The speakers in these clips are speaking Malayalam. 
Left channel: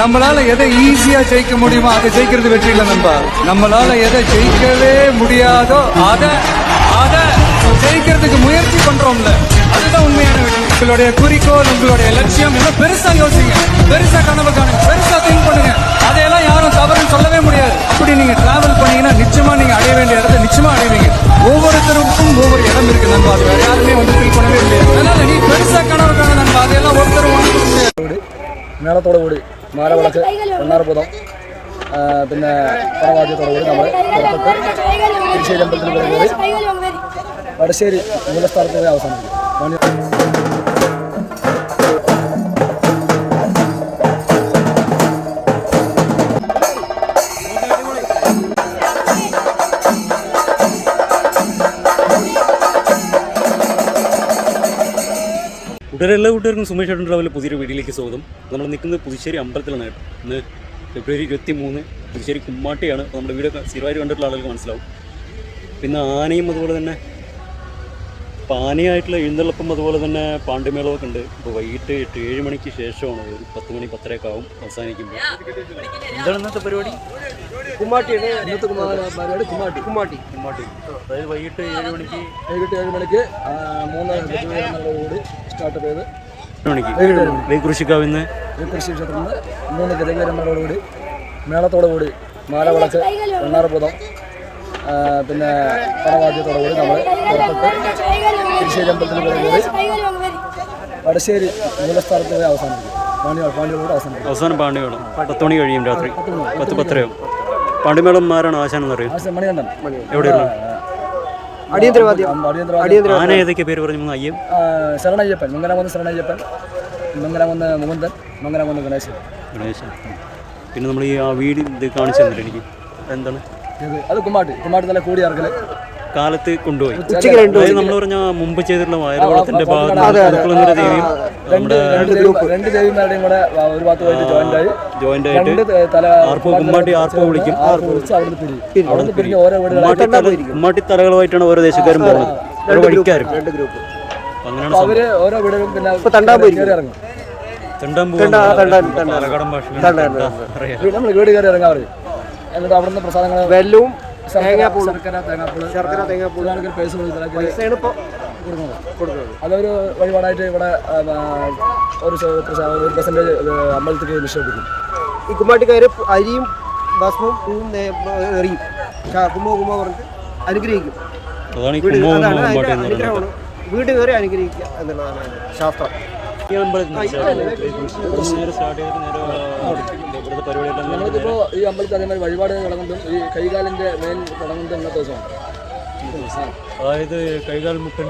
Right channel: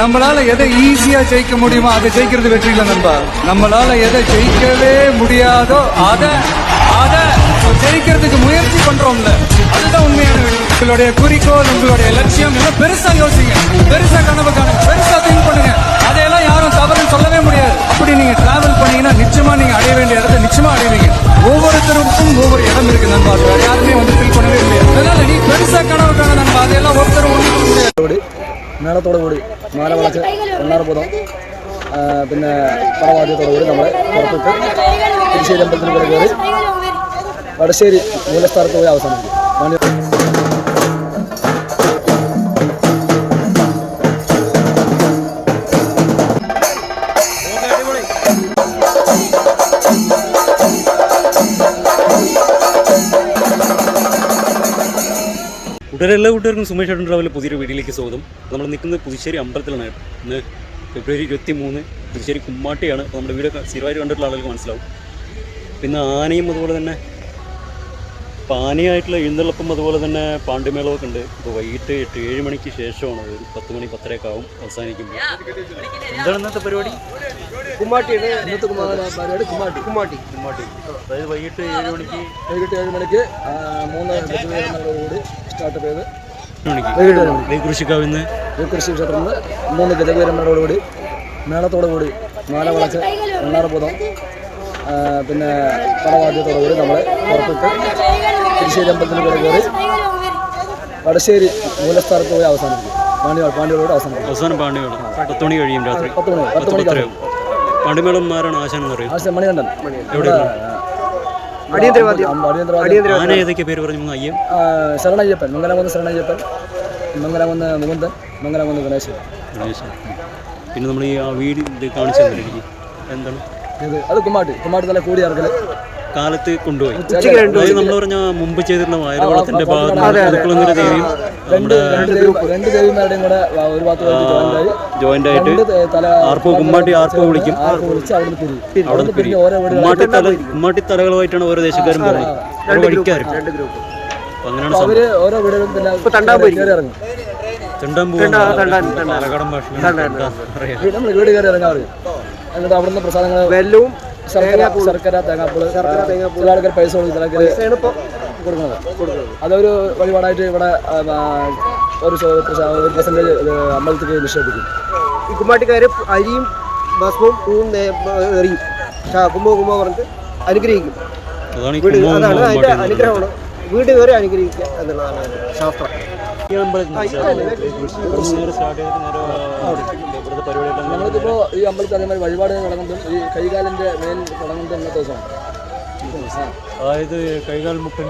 நம்மளால எதை ஈஸியா ஜெயிக்க முடியுமோ அதை ஜெயிக்கிறது வெற்றி இல்லை நண்பா. நம்மளால எதை ஜெயிக்கவே முடியாதோ அதை அதை ஜெயிக்கிறதுக்கு முயற்சி பண்றோம்ல. அதுதான் உண்மையான வெற்றி. உங்களுடைய குறிக்கோள் உங்களுடைய லட்சியம் எல்லாம் பெருசா யோசிங்க. பெருசா கனவு காணுங்க. பெருசா திங்க் பண்ணுங்க. அதையெல்லாம் யாரும் தவறுன்னு சொல்லவே முடியாது. அப்படி நீங்க டிராவல் பண்ணீங்கன்னா நிச்சயமா நீங்க அடைய வேண்டிய இடத்தை நிச்சயமா அடைவீங்க. ஒவ்வொருத்தருக்கும் ஒவ்வொரு இடம் இருக்கு நண்பா. யாருமே வந்து ஃபீல் பண்ணவே முடியாது. அதனால நீ பெருசா கனவு காண நண்பா. அதையெல்லாம் ஒருத்தரும் ஒன்று முடியாது. മേളത്തോടു കൂടി മാല വളച്ച് ഒന്നാർപൂതം പിന്നെ പടവാദ്യത്തോടു കൂടി നമ്മൾ പുറത്തിട്ട് തിരുശ്ശേരി അമ്പലത്തിൽ കൂടെ കയറി വടശ്ശേരി മൂലസ്ഥാനത്ത് പോയി അവസാനിപ്പിക്കും. കൂട്ടുകാരെ എല്ലാ കൂട്ടുകാർക്കും സുമേഷ് ഏട്ടൻ ട്രാവലിൽ പുതിയൊരു വീട്ടിലേക്ക് സ്വാഗതം. നമ്മൾ നിൽക്കുന്നത് പുതുശ്ശേരി അമ്പലത്തിലാണ് ഏട്ടൻ ഇന്ന് ഫെബ്രുവരി ഇരുപത്തി മൂന്ന് പുതുശ്ശേരി കുമ്മാട്ടിയാണ്. അപ്പോൾ നമ്മുടെ വീഡിയോ സ്ഥിരമായിട്ട് കണ്ടിട്ടുള്ള ആളുകൾക്ക് മനസ്സിലാവും. പിന്നെ ആനയും അതുപോലെ തന്നെ പാനയായിട്ടുള്ള എഴുന്നള്ളപ്പം അതുപോലെ തന്നെ പാണ്ഡ്യമേളമൊക്കെ ഉണ്ട്. ഇപ്പോൾ വൈകിട്ട് എട്ട് ഏഴ് മണിക്ക് ശേഷമാണ് ഒരു പത്ത് മണി പത്തരയൊക്കെ ആവും അവസാനിക്കുമ്പോൾ. എന്താണ് ഇന്നത്തെ പരിപാടി? കുമ്മാട്ടിയാണ്. ഇന്നത്തെ പരിപാടി കുമ്മാട്ടി. കുമ്മാട്ടി. കുമ്മാട്ടി. അതായത് വൈകിട്ട് ഏഴ് മണിക്ക് വൈകിട്ട് ഏഴ് മണിക്ക് മൂന്ന് ഗജവീരന്മാരോടുകൂടി സ്റ്റാർട്ട് ചെയ്ത് വൈകിട്ട് ഏഴ് മണി. ലൈക്കുറിശിക്കാവിൽ നിന്ന് ശ്രീകൃഷി ക്ഷേത്രത്തിൽ നിന്ന് മൂന്ന് ഗജവീരന്മാരോടുകൂടി മേളത്തോടു കൂടി മാല വളച്ച് ഒന്നാർപൂതം പിന്നെ പടവാദ്യത്തോടു കൂടി നമ്മൾ പുറത്തിട്ട് തിരുശ്ശേരി അമ്പലത്തിൽ കൂടെ കയറി വടശ്ശേരി മൂലസ്ഥാനത്ത് പോയി അവസാനിപ്പിക്കും. പാണ്ഡ്യ പാണ്ടിയോട് അവസാനിപ്പിക്കും. അവസാനം പാണ്ഡ്യമേളം പത്ത് മണി കഴിയും രാത്രി. പത്ത് മണി പത്ത് പത്തരയാവും. പാണ്ടിമേളം ആരാണ് ആശാനെന്ന് അറിയാം ആശാൻ മണികണ്ഠൻ. എവിടെ അടിയന്തരവാദി ഏതൊക്കെ പേര് പറഞ്ഞു അയ്യം ശരണയ്യപ്പൻ മംഗലാകുന്ന് ശരണയ്യപ്പൻ മംഗലാകുന്ന് മുകുന്ദൻ മംഗലാകുന്ന് ഗണേശൻ ഗണേശൻ പിന്നെ നമ്മൾ ഈ ആ വീട് ഇത് കാണിച്ചു തന്നിട്ട് എനിക്ക് എന്താണ് ഇത് അത് കുമ്മാട്ട് കുമ്മാട്ട് നല്ല കൂടി ഇറക്കൽ കാലത്ത് കൊണ്ടുപോയി അതായത് നമ്മൾ പറഞ്ഞ മുമ്പ് ചെയ്തിട്ടുള്ള വയറവളത്തിന്റെ ഭാഗത്ത് ദേവിയും രണ്ട് ദേവിമാരുടെയും കൂടെ ഒരു ഭാഗത്ത് ജോയിന്റ് ആയിട്ട് രണ്ട് തല ആർപ്പോ കുമ്മാട്ടി ആർപ്പോ വിളിക്കും. അവിടെ പിരിയും. ഓരോ കുമ്മാട്ടി തലകളുമായിട്ടാണ് ദേശക്കാരും പോകുന്നത്. ഓരോ വഴിക്കാരും അപ്പൊ അങ്ങനെയാണ് സംഭവം. അവർ ഓരോ വീടുകളും പിന്നെ കയറി ഇറങ്ങും. തെണ്ടാൻ പോകാൻ പാലക്കാടൻ ഭാഷയിലാണ് തെണ്ടാൻ അറിയാം നമ്മൾ വീട് കയറി ഇറങ്ങാൻ പറയും. എന്നിട്ട് അവിടുന്ന് പ്രസാദങ്ങൾ ശർക്കര ശർക്കര തേങ്ങാപ്പുൾ ശർക്കര തേങ്ങാപ്പുൾ. ആൾക്കാർ പൈസ കൊടുക്കുന്നത്. അതൊരു വഴിപാടായിട്ട് ഇവിടെ ഒരു ഒരു പെർസെന്റേജ് അമ്പലത്തിൽ നിക്ഷേപിക്കും. ഈ കുമ്മാട്ടിക്കാർ അരിയും ഭസ്മവും പൂവും നേ- എറിയും. കുമ്മോ കുമ്മോ പറഞ്ഞിട്ട് അനുഗ്രഹിക്കും. അതാണ് പറയുന്നത്. അനുഗ്രഹമാണ്. വീട് കയറി അനുഗ്രഹിക്കുക എന്നുള്ളതാണ് ശാസ്ത്രം. നമ്മൾക്കിപ്പോൾ ഈ അമ്പലത്തിൽ അതേമാതിരി വഴിപാട് തുടങ്ങുന്നതും ഈ കൈകാലിന്റെ മെയിൻ തുടങ്ങുന്നതും ഇന്നത്തെ ദിവസമാണ്. അതായത് കൈകാൽ മുട്ടൻ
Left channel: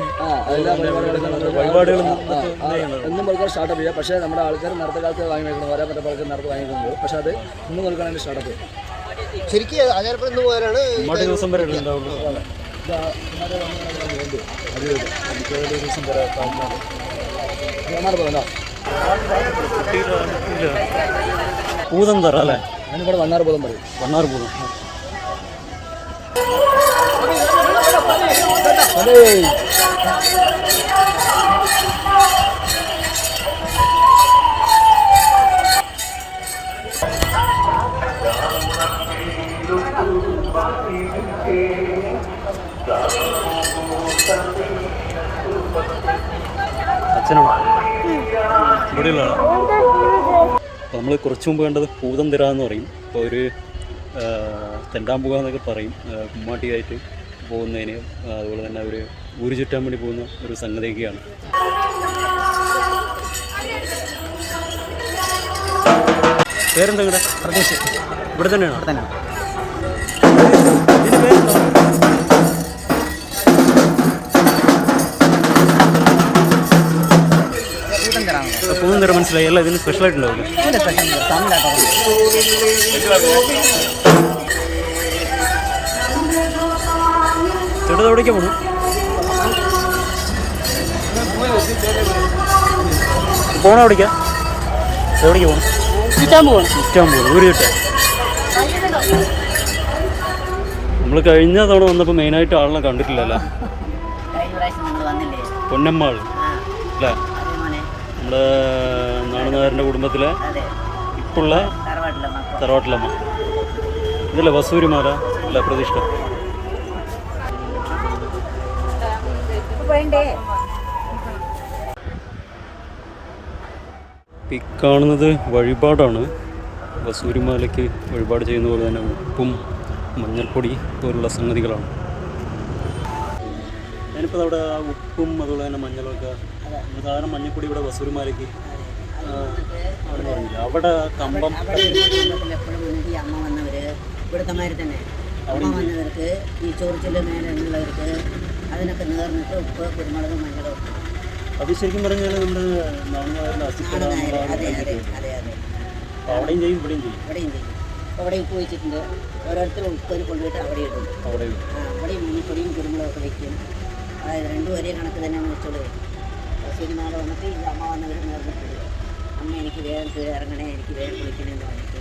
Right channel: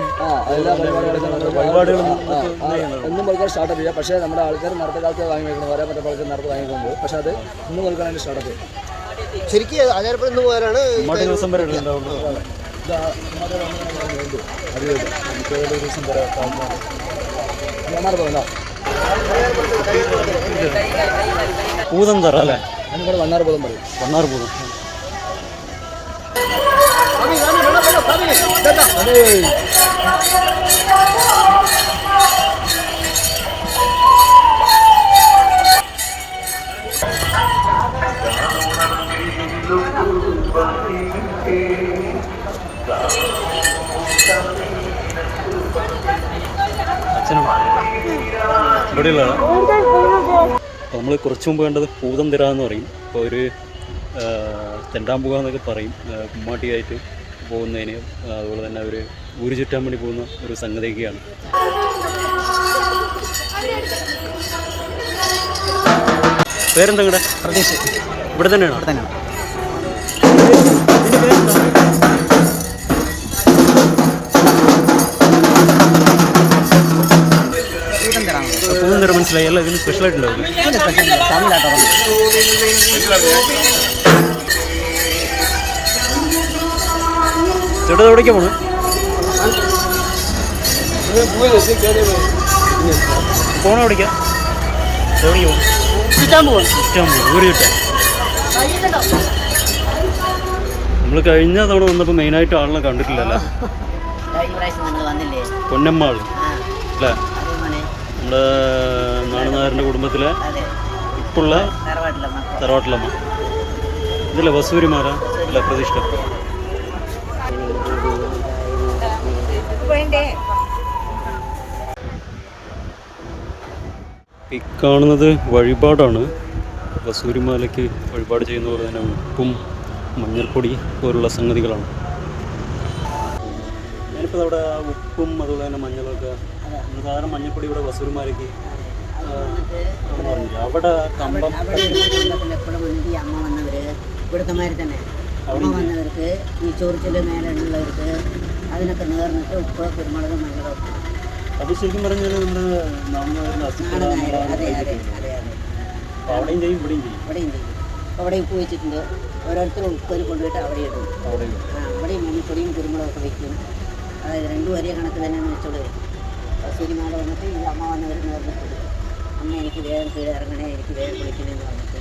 എന്നും മുതൽക്കാൻ സ്റ്റാർട്ടപ്പ് ചെയ്യാം പക്ഷേ നമ്മുടെ ആൾക്കാർ നടത്ത കാലത്ത് വാങ്ങി വെക്കണം വരാൻ പറ്റാത്ത ആൾക്കാർ നേരത്തെ വാങ്ങിക്കുന്നത് പക്ഷേ അത് ഇന്ന് മുതൽക്കാണ് അതിന്റെ സ്റ്റാർട്ടപ്പ് ശരിക്കും ആചാരപ്പെടുന്ന പോലാണ് മുമ്മാട്ടി ദിവസം വരെ ഉണ്ടാവുള്ളൂ. പൂതം തറ അല്ലേ? വണ്ണാർ ഭൂതം പോലും പറയും. വണ്ണാർ പൂതം. നമ്മൾ കുറച്ച് മുമ്പ് കണ്ടത് പൂതം തിറ എന്ന് പറയും. അപ്പോൾ ഒരു തെണ്ടാമ്പുക എന്നൊക്കെ പറയും കുമ്മാട്ടിയായിട്ട്. പോകുന്നതിന് അതുപോലെ തന്നെ അവർ ഊര് ചുറ്റാൻ വേണ്ടി പോകുന്ന ഒരു സംഗതിയൊക്കെയാണ്. പേരെന്താ ഇവിടെ പ്രതീക്ഷ ഇവിടെ തന്നെയാണോ? ഇവിടെ തന്നെയാണ്. ഇതിന്റെ പേരെന്താ? കൂട്ടം തരാനുള്ളത് പൂതം തിറ മനസ്സിലായി. അല്ല ഇതിന് സ്പെഷ്യലായിട്ടുണ്ടാവില്ല തമിഴാട്ടോ ചേട്ടാ എവിടേക്കാ പോണ്? പോണോ എവിടേക്കാ എവിടേക്ക് പോകണം ഊര് ചുറ്റാൻ നമ്മൾ കഴിഞ്ഞ തവണ വന്നപ്പോൾ മെയിനായിട്ട് ആളിനെ കണ്ടിട്ടില്ലല്ലോ. കഴിഞ്ഞ പ്രാവശ്യം നിങ്ങൾ വന്നില്ലേ പൊന്നമ്മാൾ ആ അല്ലേ? നമ്മുടെ നാണനായരുടെ കുടുംബത്തിലെ ഇപ്പുള്ള തറവാട്ടിലമ്മ. ഇതല്ലേ വസൂരിമാല അല്ല പ്രതിഷ്ഠ? ഈ കാണുന്നത് വഴിപാടാണ്. വസൂരിമാലയ്ക്ക് വഴിപാട് ചെയ്യുന്ന പോലെ തന്നെ ഉപ്പും മഞ്ഞൾപ്പൊടി പോലുള്ള സംഗതികളാണ്. ഞാനിപ്പോൾ അവിടെ ഉപ്പും അതുപോലെ തന്നെ മഞ്ഞളൊക്കെ സാധാരണ മഞ്ഞൾപ്പൊടി ഇവിടെ വസൂരിമാലയ്ക്ക് അവിടെ കമ്പം എപ്പോഴും വന്നിട്ട് ഈ അമ്മ ഇവിടുത്തെ മാതിരി തന്നെ. അമ്മ വന്നവർക്ക് ഈ ചോറിച്ചിന്റെ മേലെ ഉള്ളവർക്ക് അതിനൊക്കെ നേർന്നിട്ട് ഉപ്പ് കുരുമുളക് മഞ്ഞളും അത് ശരിക്കും പറഞ്ഞാൽ അതെ അതെ അതെ അതെ. അവിടെയും ചെയ്യും ഇവിടെയും ചെയ്യും. ഇവിടെയും ചെയ്യും. അപ്പോൾ അവിടെ ഉപ്പ് വെച്ചിട്ടുണ്ട്. ഓരോരുത്തരും ഉപ്പര് കൊണ്ടുപോയിട്ട് അവിടെ ഇടും. അവിടെയും. ആ അവിടെയും മഞ്ഞപ്പൊടിയും കുരുമുളകൊക്കെ വെക്കും. അതായത് രണ്ടും ഒരേ കണക്ക് തന്നെയാണെന്ന് വെച്ചോളൂ. സിനിമയിൽ വന്നിട്ട് ഈ അമ്മ വന്നവർ നേർന്നിട്ടുണ്ട് അമ്മ എനിക്ക് വേഗം കീഴിറങ്ങണേ എനിക്ക് വേഗം കുളിക്കണേ എന്ന് പറഞ്ഞിട്ട്.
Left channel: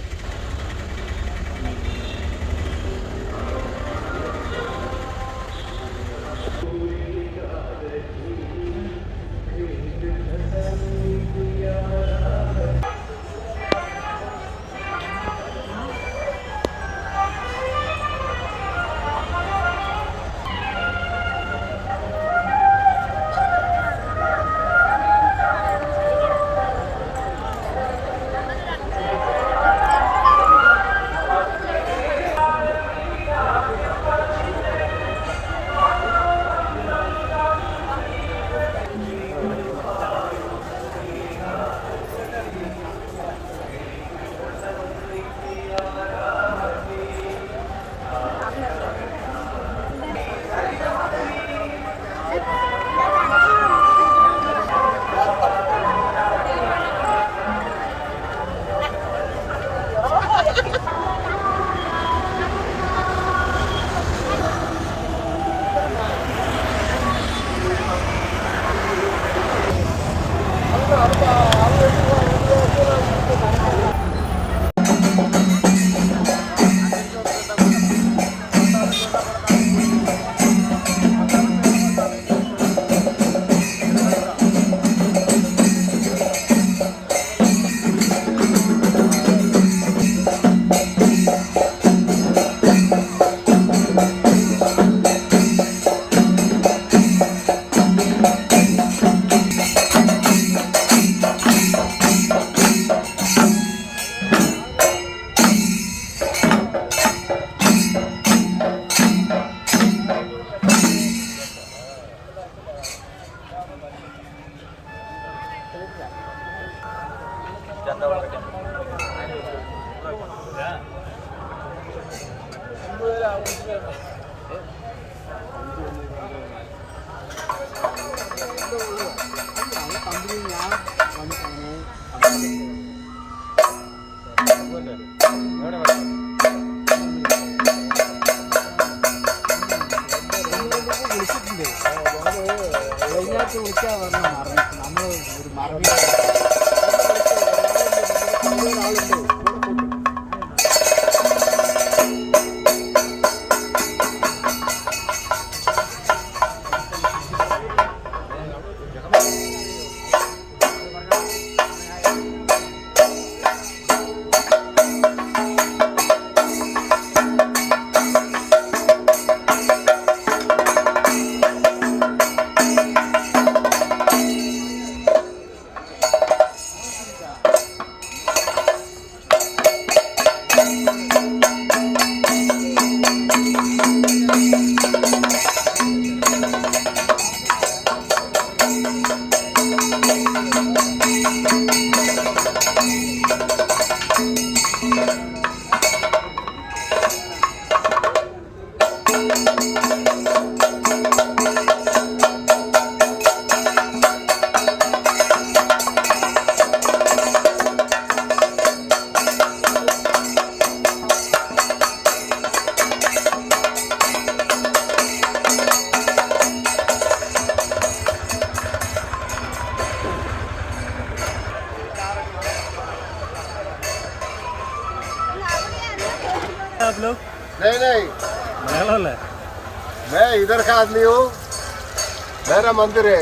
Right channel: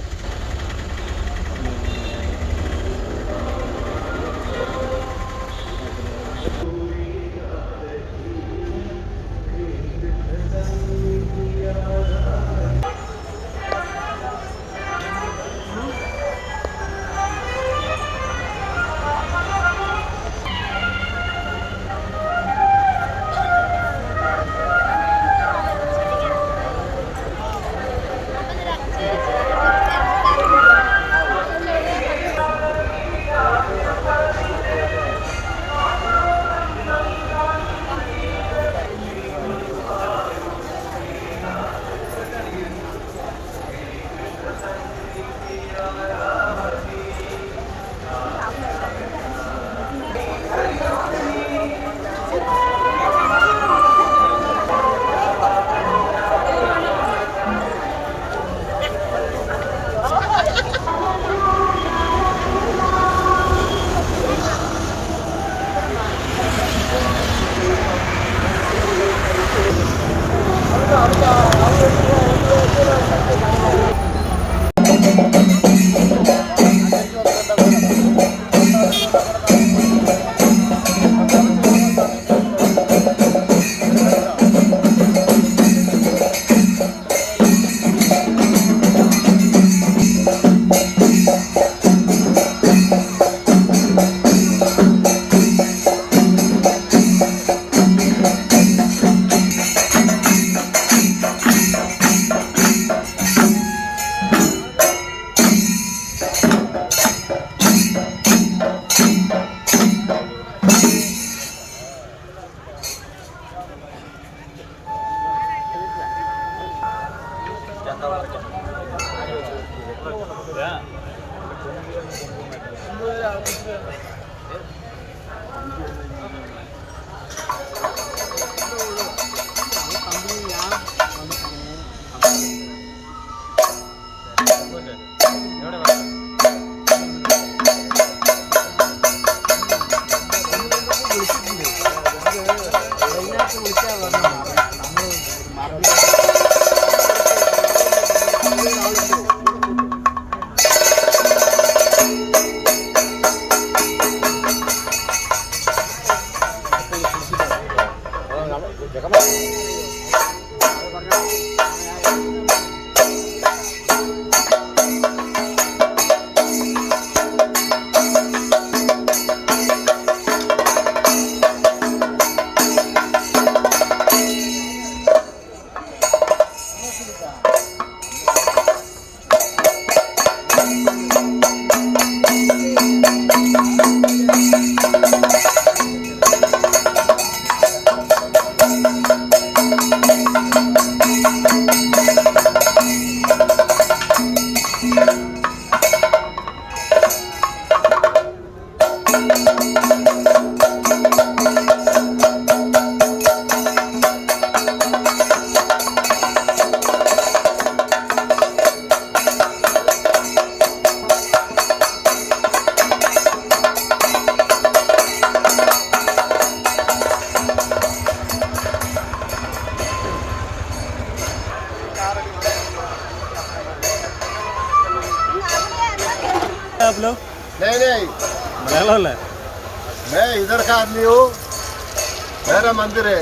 का मंदिर है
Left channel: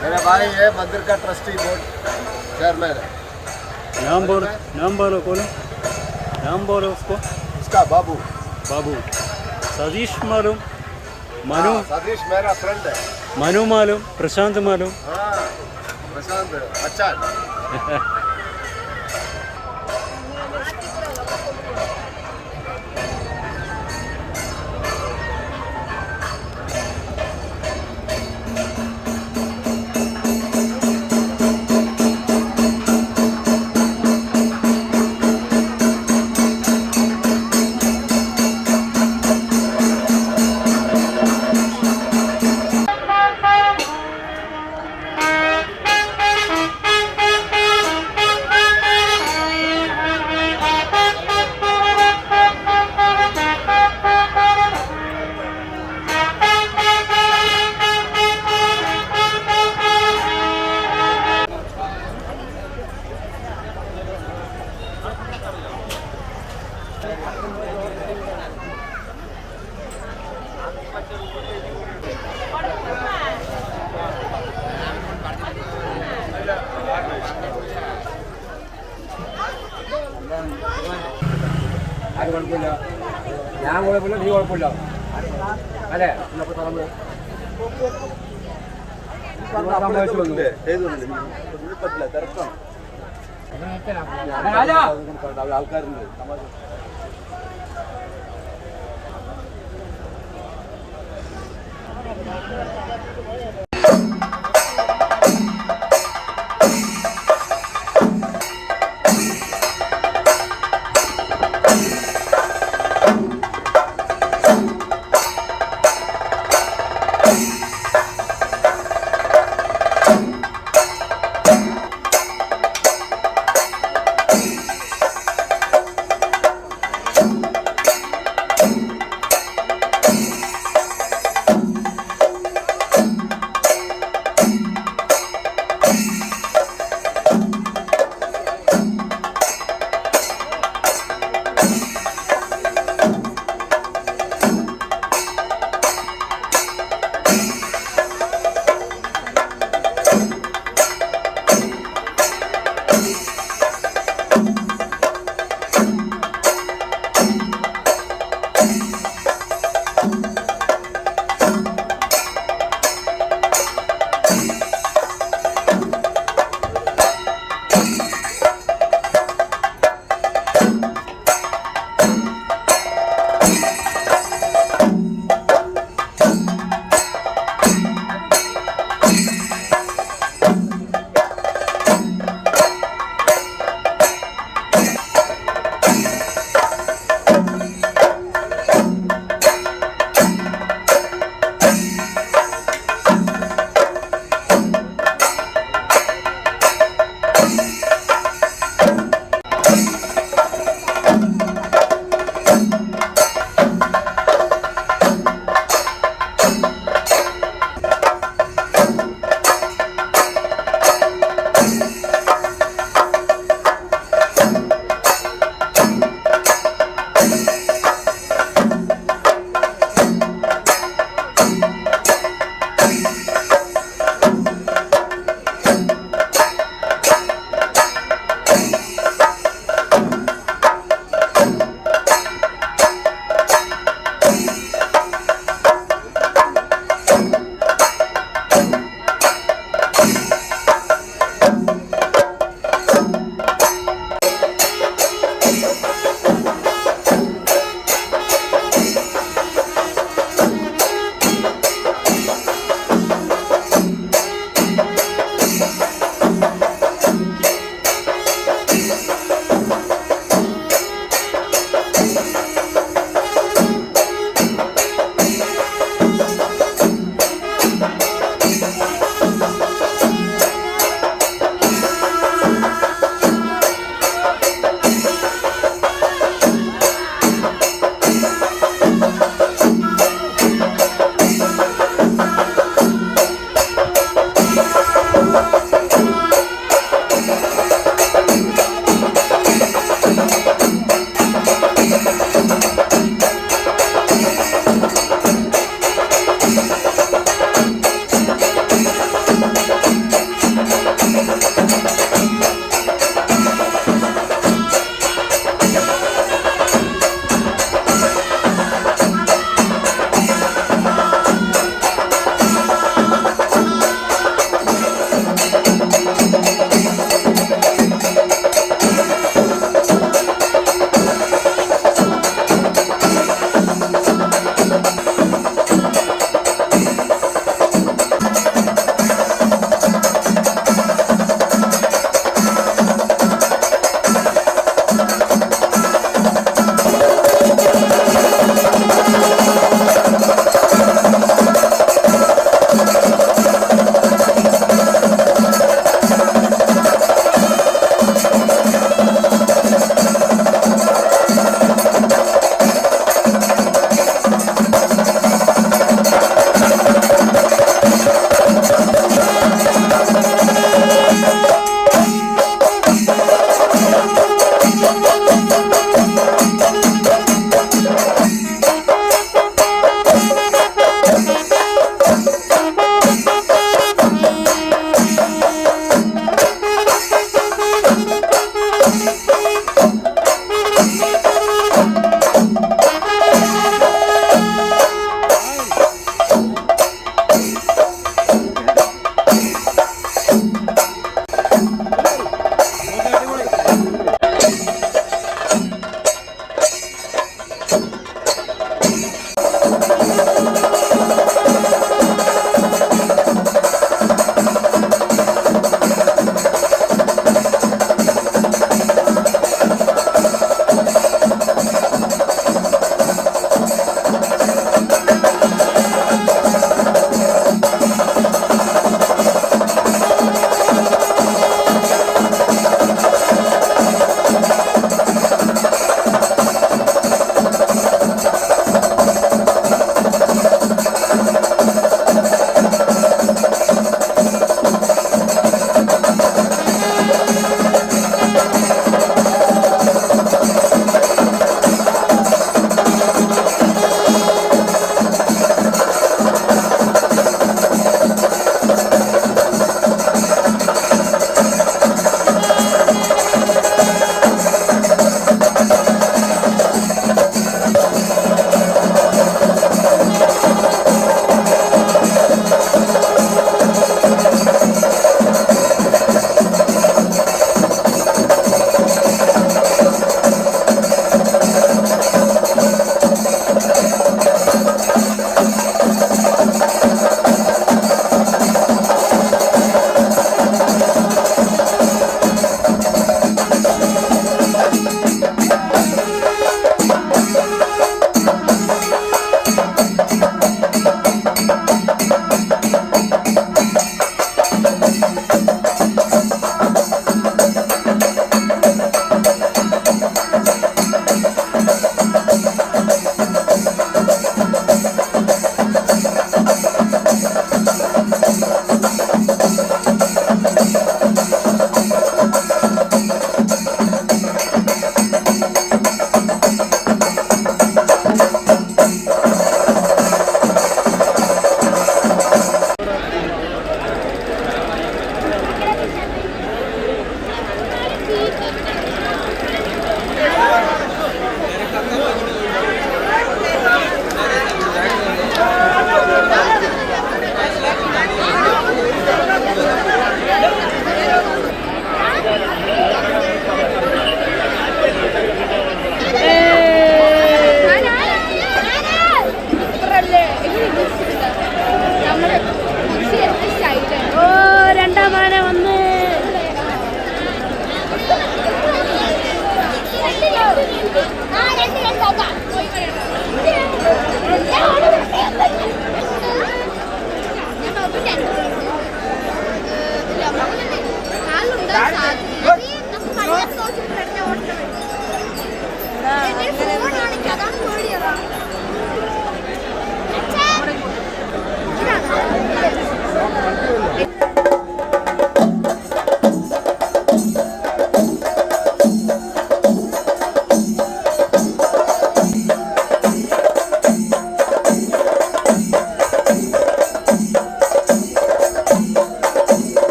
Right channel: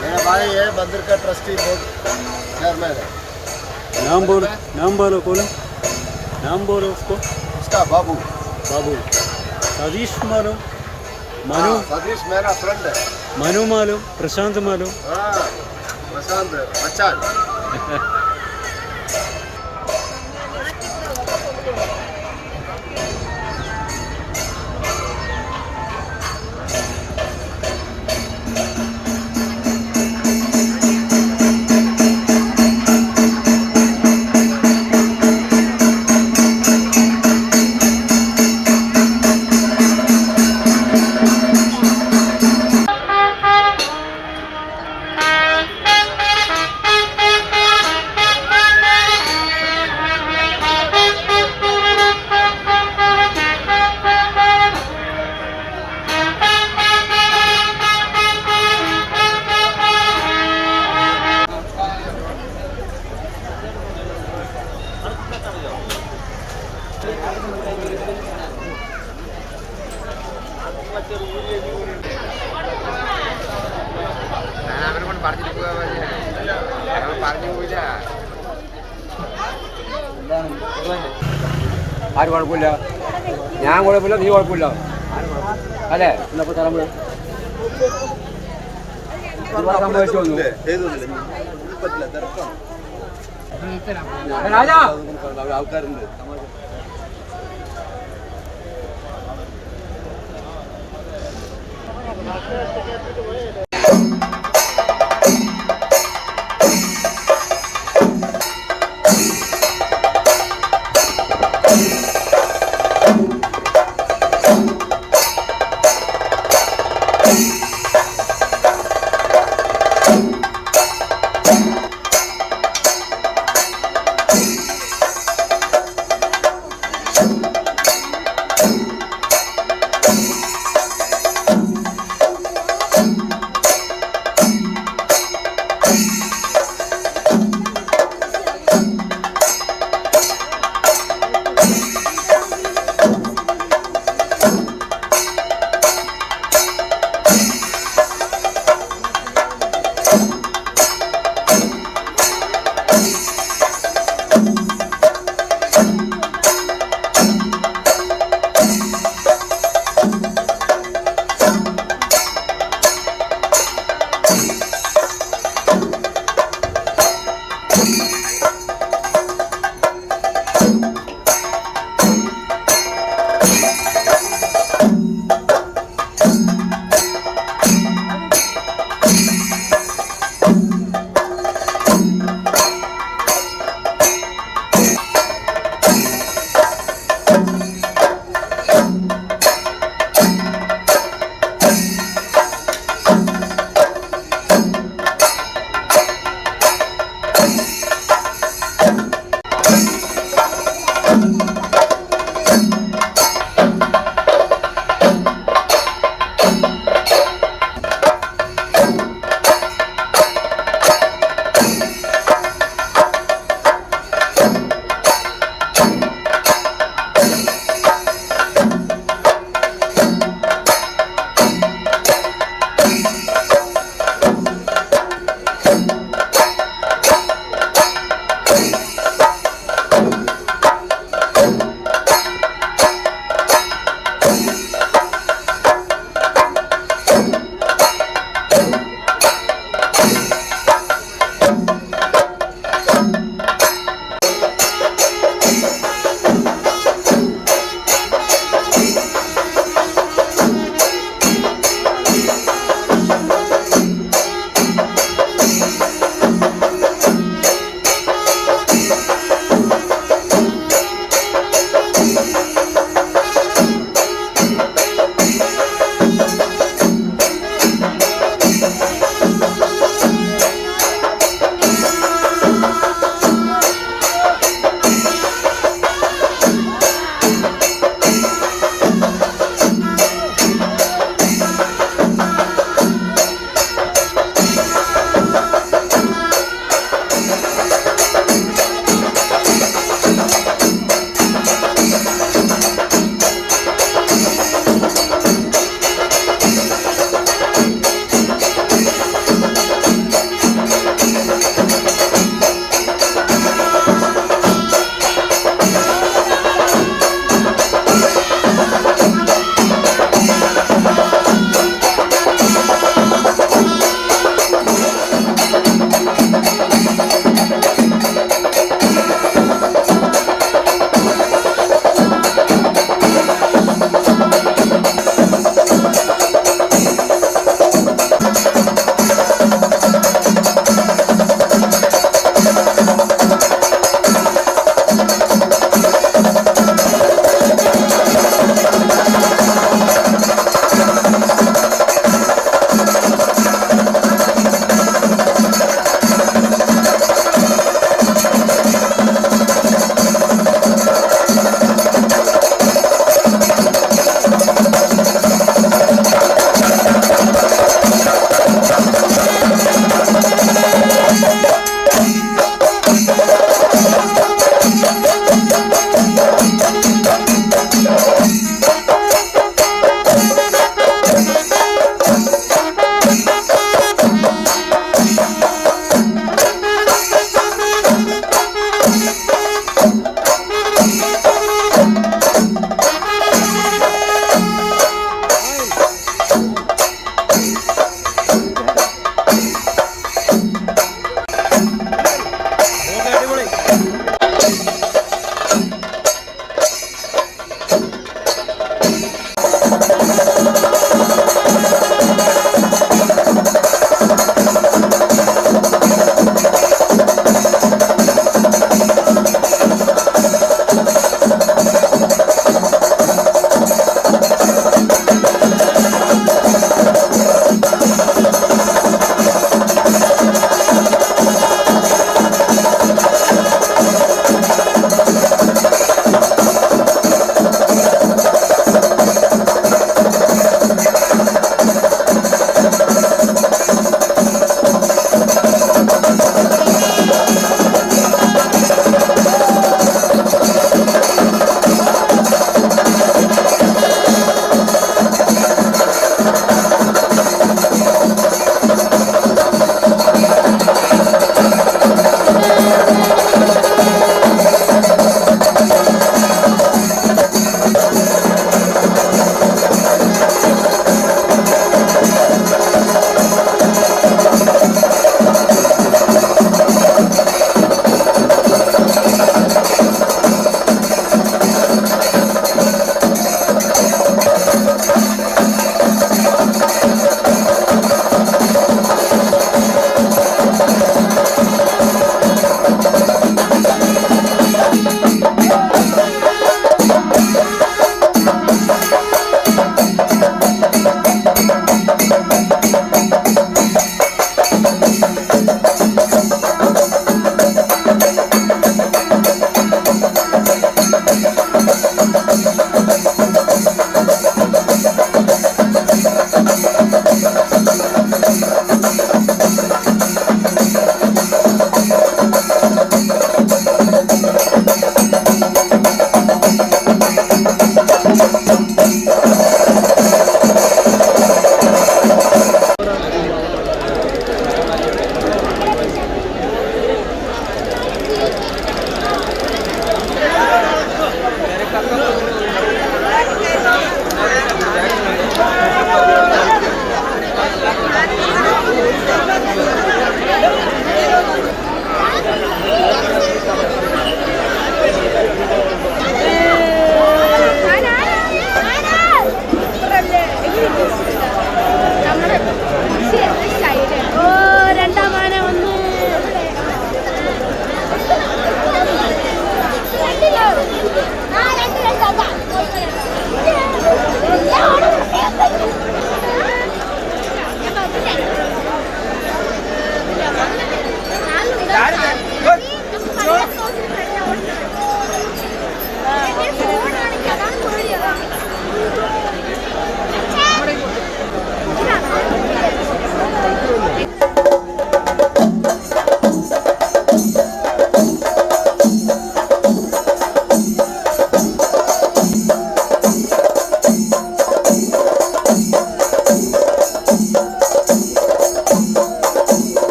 मेरा भाई है मंदिर का ट्रस्टी बोर्ड चेयरमैन है। नाम बोलो नाम बोलो कौन नाम बोलो उसको। उसका बाबू। बाबू। सतीश मालूम? मनु? हाँ, सतीश मेरा फ्रेंड है। मनु मालूम? प्रशांत मालूम? हाँ प्रशांत अच्छा കുഴപ്പമില്ല. ഞാൻ കുഴപ്പമില്ല നീ കുഴപ്പമില്ല. അല്ലേ? ഇന്നപ്പോ സ്ഥലം സംഭവിച്ചു വന്നു ആൾക്കാരുണ്ട്. സമാജം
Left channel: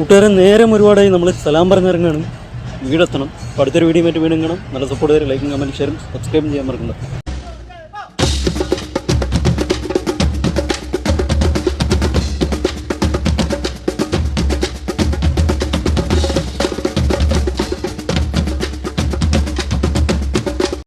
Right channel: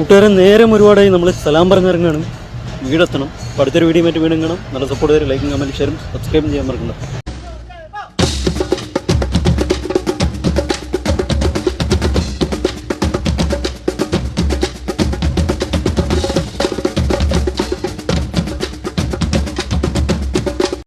അപ്പോൾ കൂട്ടുകാരൻ നേരം ഒരുപാടായി നമ്മൾ സലാം പറഞ്ഞിറങ്ങണം. വീടെത്തണം. അടുത്തൊരു വീഡിയോ മറ്റു കാണാം. നല്ല സപ്പോർട്ട് തരും. ലൈക്കും കമന്റ് ഷെയറും സബ്സ്ക്രൈബും ചെയ്യാൻ മറക്കണ്ട.